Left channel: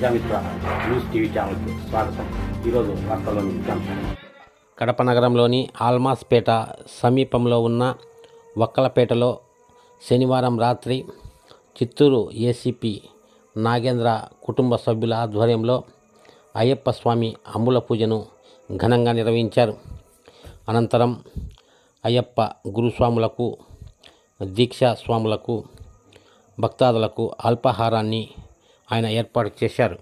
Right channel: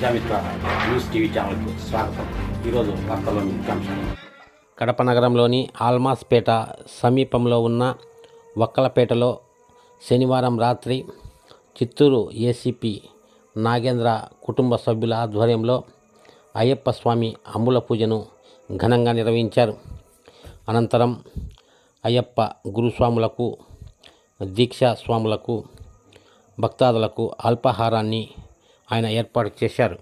Prajamitra news TV ఛానల్కి స్వాగతం. ఈరోజు వార్తల్లోని ముఖ్యాంశాలు కడప నగరంలోని ఆల్మాస్పేట సమీపంలో ఉన్న వక్కలపేటలో శనివారం రాత్రి చిత్తూరు ఏసీపీ నాగేంద్ర కుటుంబ సభ్యుల ఆధ్వర్యంలో అయ్యప్ప స్వామి అమ్ముల పూజను ఘనంగా నిర్వహించారు. అనంతరం అయ్యప్ప గురుస్వాములకు దీక్షా స్వాములకు భక్తాదులకు అల్పాహారాన్ని ఆయన ఏర్పాటు చేశారు.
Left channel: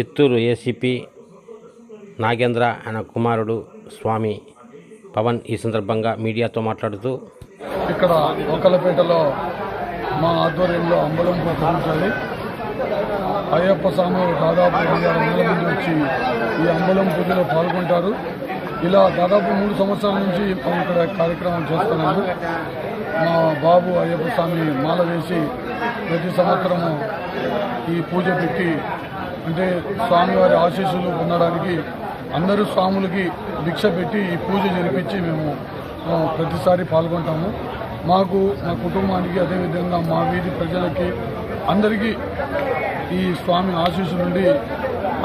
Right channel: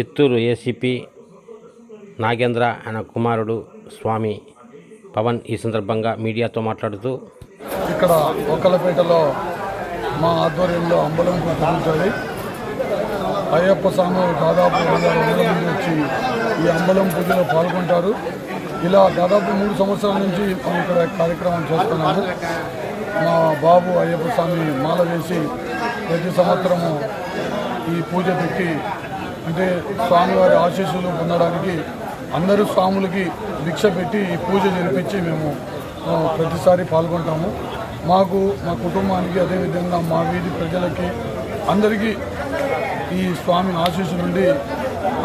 చిత్తూరు ఏసీపీ నాగేంద్ర ఆయన కుమారుడు స్వామి పవన్ ఈ సందర్భంగా మీడియాతో మాట్లాడుతూ ఇక్కడ ఒకలపేటలో మా ఆధ్వర్యంలో అంబలం పూజ జరుగుతుంది అయ్యప్ప స్వామి దాదాపు ఐదారు వందల మంది వచ్చి ఈ అంబలం పూజలో పాల్గొంటారు. ఇలా దాదాపు మూడు సంవత్సరాల నుంచి మనం ఇక్కడ కార్యక్రమం చేస్తున్నాము. మా బాబు అయ్యప్ప స్వామి మాల వేసి ప్రతి సంవత్సరము ఈ పూజ పెట్టి అంటే స్వామివారి ఆశీస్సులు పొందడానికి అందరూ స్వాములకి భిక్ష పెట్టి ఈ పూజ జరిపించి మేము ప్రతిసారి పాల్గొంటాము. మాకు మా కుటుంబానికి అదేవిధంగా మా వీధి ప్రజలకి అందరికీ ఈ స్వామి ఆశీస్సు నుండి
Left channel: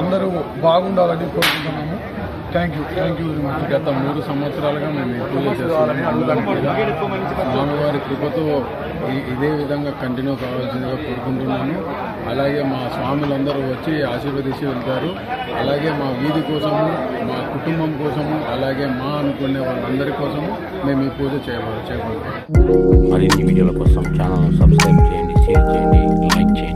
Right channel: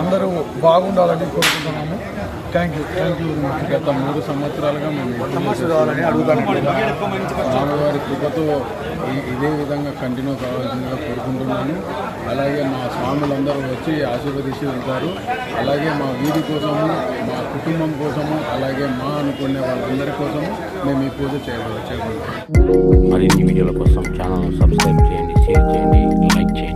అందరూ బాగుండాలని కోరుకుంటున్నాము. Thank you thank you very much గత మూడు సంవత్సరాలుగా మేము పూజ చేస్తామని అడుగుతాను స్వామివారి కృపతో ఇదే విధంగా కంటిన్యూ కావాల్సిందిగా కోరుకుంటున్నాను అలాగే మా స్వాములందరూ వచ్చి ఆశీర్వదిస్తూ ఉంటారు. అలాగే మా వీధి కోసము మా కుటుంబం కోసము అలాగే మా అనుకునే వాళ్ళందరి కోసము మేము ఈ పూజ చేయబో చేయబోతున్నాం మరిన్ని వీడియోల కోసం ఛానల్ సబ్స్క్రైబ్ చేయండి షేర్ చేయండి లైక్ చేయండి.